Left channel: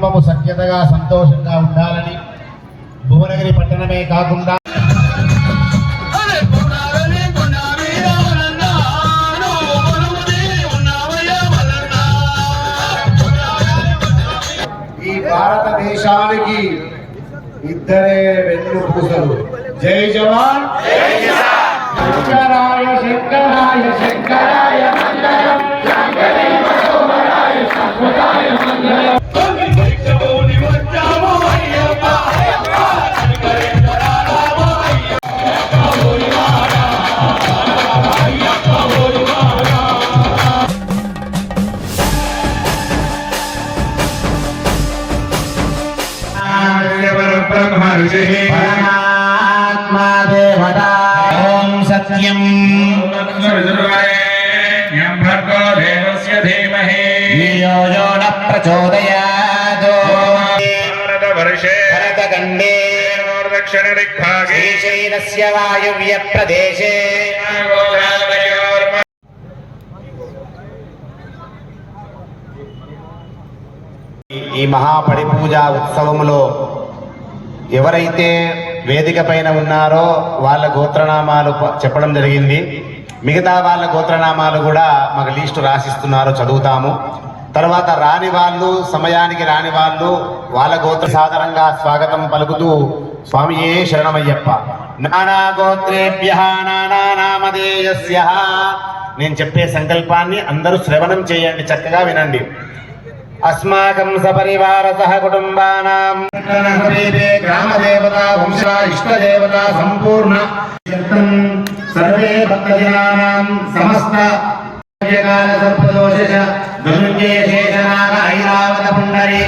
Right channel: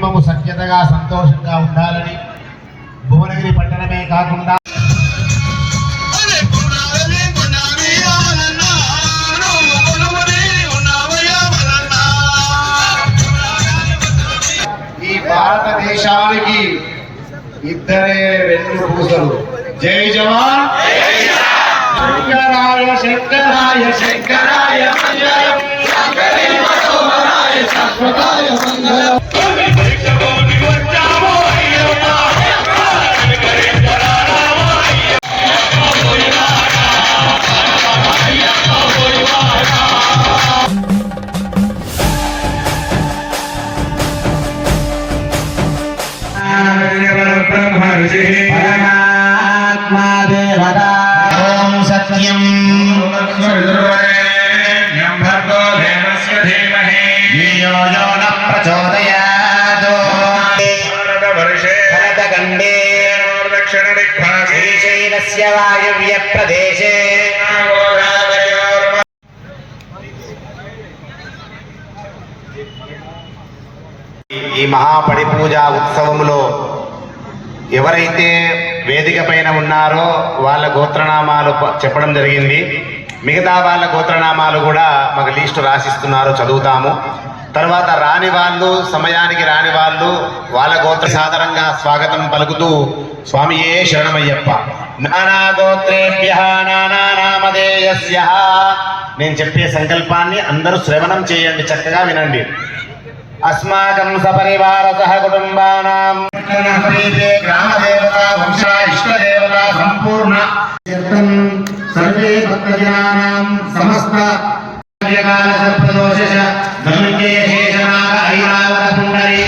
కుటుంబము సఖ్యతగా సంతోషంగా ఉండాలని భువనగిరి పట్టణమే కాకుండా ఈ భారతదేశానికి ఇద్దరే రెండు పూసలు. జై జవాన్! శంకరాయ శంకరాయ శంకరాయ ఈ మహాపడి పూజ ఉత్సవంలో ఎవరైతే వేదిక పైన ఉన్నారో వాళ్ళ గోత్రనామాలు చెప్పడం జరిగింది. మిగతా వాళ్ళ గోత్రనామాలు కూడా మాకు లిస్టు రాసిస్తున్నారు చదువుతాము. తర్వాత రాని వాళ్ళు సమయానికి రాని వాళ్ళు వాళ్ళ గోత్ర సాధారణంగా స్వాగతం పలుకుతూ స్వామియే శరణమయ్యప్ప. నానా గోత్రేభ్య నానా నామధేయస్య. నేను చెప్పే సంకల్పాన్ని అందరూ శ్రవణం చేయండి చక్కగా వినండి. అస్మాకం సపరివార సహ కుటుంబానాం గ్రామదేవత వంశ ఇష్టదేవత సంపూర్ణ సర్వే భక్తజనానాం సమస్త కాల సర్పదోష ధనుంజయ శేషనాగ ఐరావత పుండరి.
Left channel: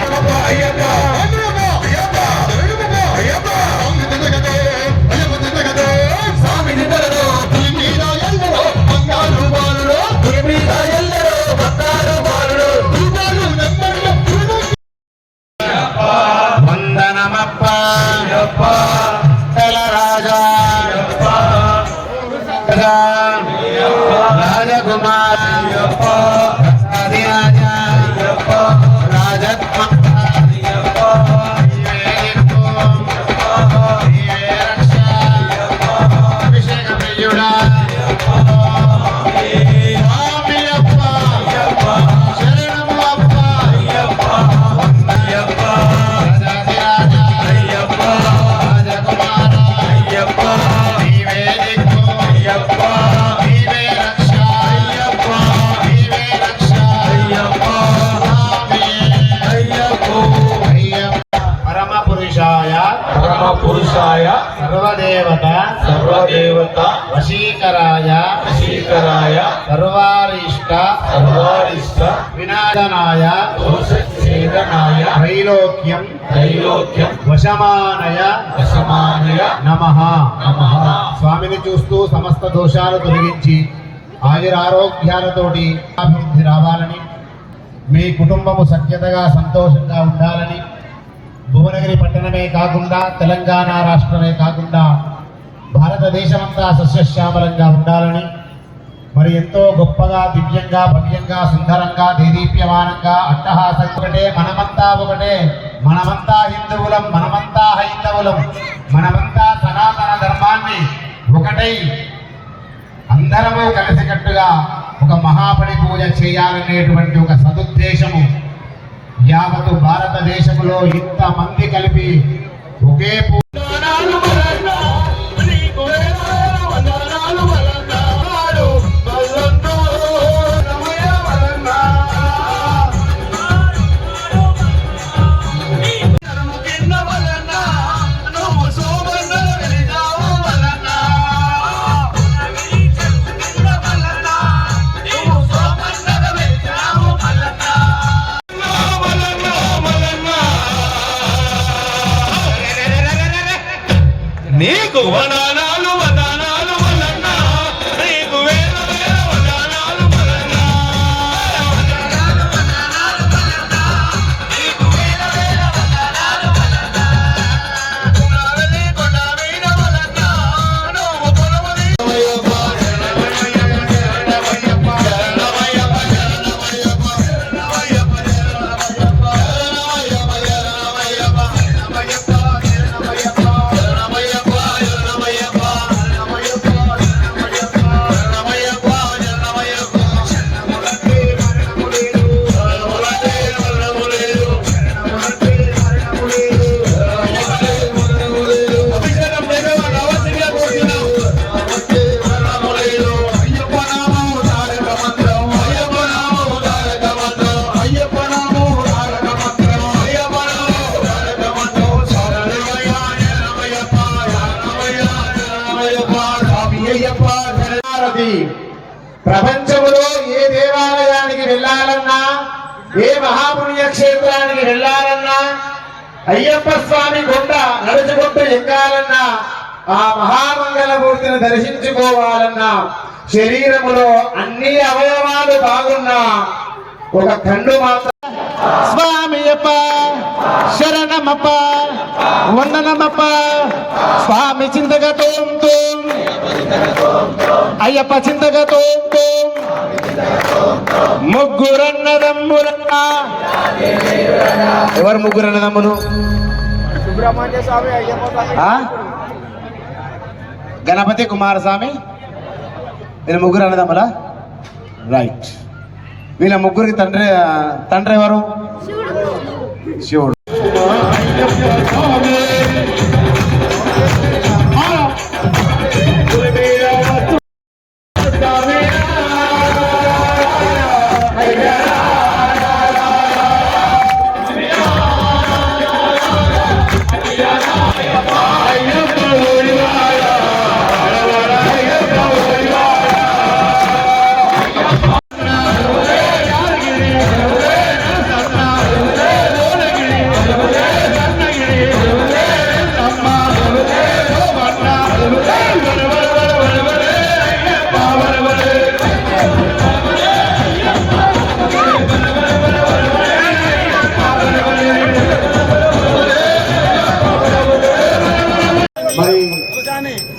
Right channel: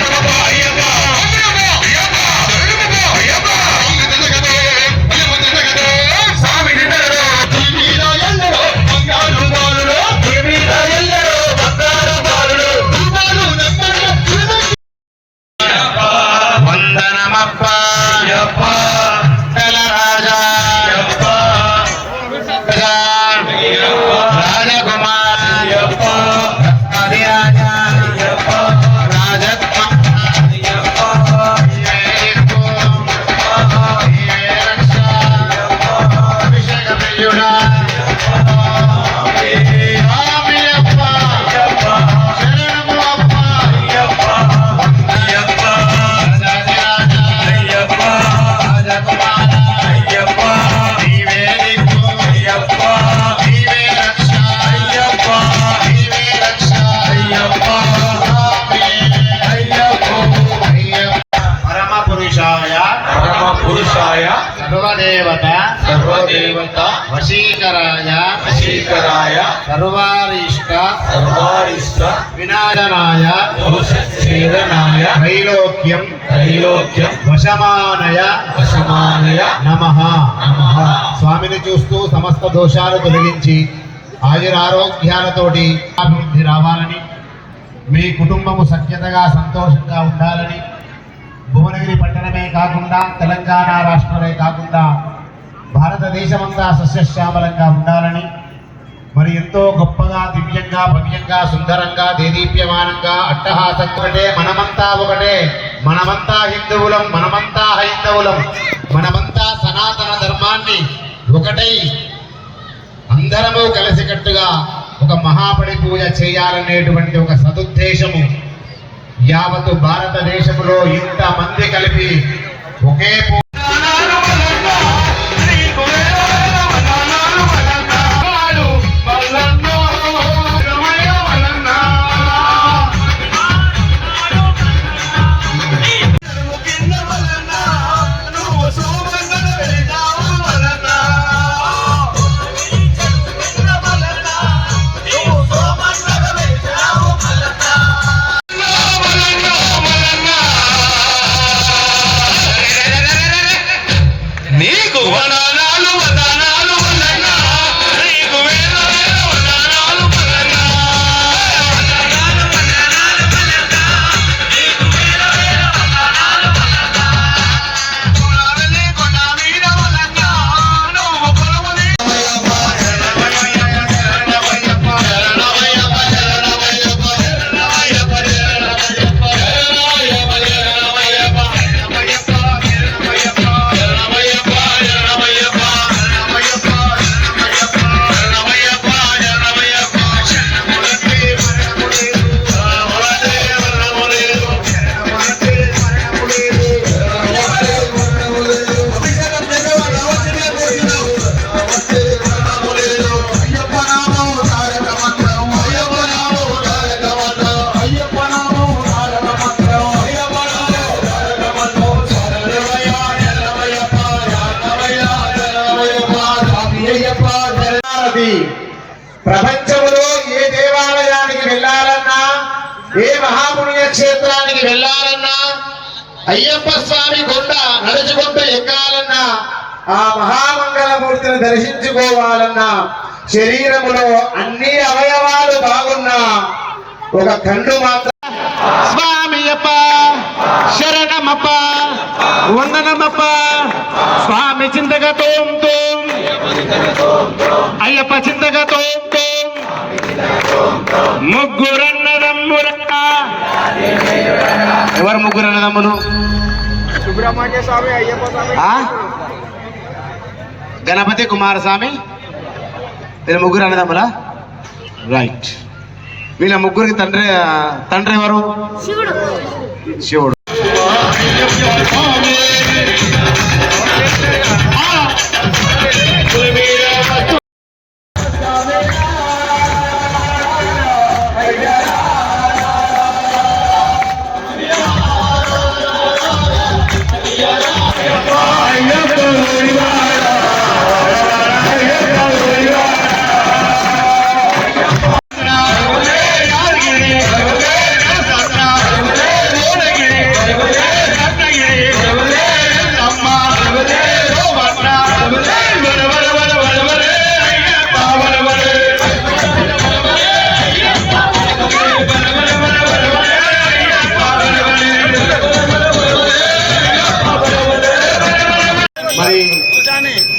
సర్వదేవత సర్వదేవత వశీకరాయ శ్రీకరాయ సర్వారిష్ట సర్వారిష్ట వినాశనాయ శ్రీరనాయ త్రైలోక్యం త్రైలోక్యం వశమానయ వశమానయ నమ నమః స్వామిని చూస్తూ సమస్త దోషాలు తొలగించి ఆయురారోగ్యాలతోటి అభివృద్ధి రావాలని మీ కుటుంబము సఖ్యతగా సంతోషంగా ఉండాలని భువనగిరి పట్టణమే కాకుండా తెలంగాణ రాష్ట్రమే కాకుండా భారతదేశమంతా సస్యశ్యామలంగా ఉండాలని మరి ఎంతో గొప్పగా దివ్యంగా భవ్యంగా సుందరంగా దేదీప్యమానంగా అట్టహాసంతుడే మనమంతా ఒకటే. మనమంతా హిందువులం మనమంతా హైందవులం మనమంతా సనాతన ధర్మాన్ని ఒకటై అందరము కలిసికట్టుగా ఒక మహాపడి పూజ చేయాలనేటువంటి ఒక సదుద్దేశము. యావత్ భారతదేశంలో ఇంతమంది కలిపి ఒకే cubana. ఉంది ప్రపంచంలో ఏ దేవాలయానికి వెళ్ళాలన్నా ఏ మహాపుణ్య క్షేత్రానికి వెళ్ళాలన్నా అయ్యప్ప స్వామి కొండ నడుచుకుంటూ ఎక్కాలన్నా ఆ మహామంగళమూర్తిని దర్శించుకోవాలన్నా శరీరములో అన్ని అవయవాలు బాగున్నా ఒక కన్ను మాత్రం. స్వామి అప్ప శరణమప్ప వందనమప్ప స్వామి చింతక తోం అయ్యప్ప చింతక తోం తోం. ముగ్గురన్నదమ్ముల. ఎవరు ఆ? గణపతి కుమారస్వామి. వీళ్ళ ముగ్గురు అన్నదమ్ములా రైట్ వీళ్ళ ముగ్గురికి తండ్రి తండ్రి ఎవరు? శివుడు. మరి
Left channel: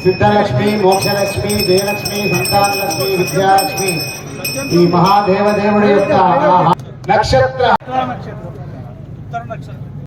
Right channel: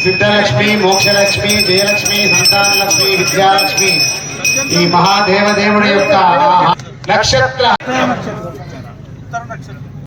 సిద్ధలక్ష్మి మోక్షలక్ష్మి జయలక్ష్మి సంతానలక్ష్మి విద్యాలక్ష్మి ఈ మహాదేవ దేవుడి యొక్క నక్షత్ర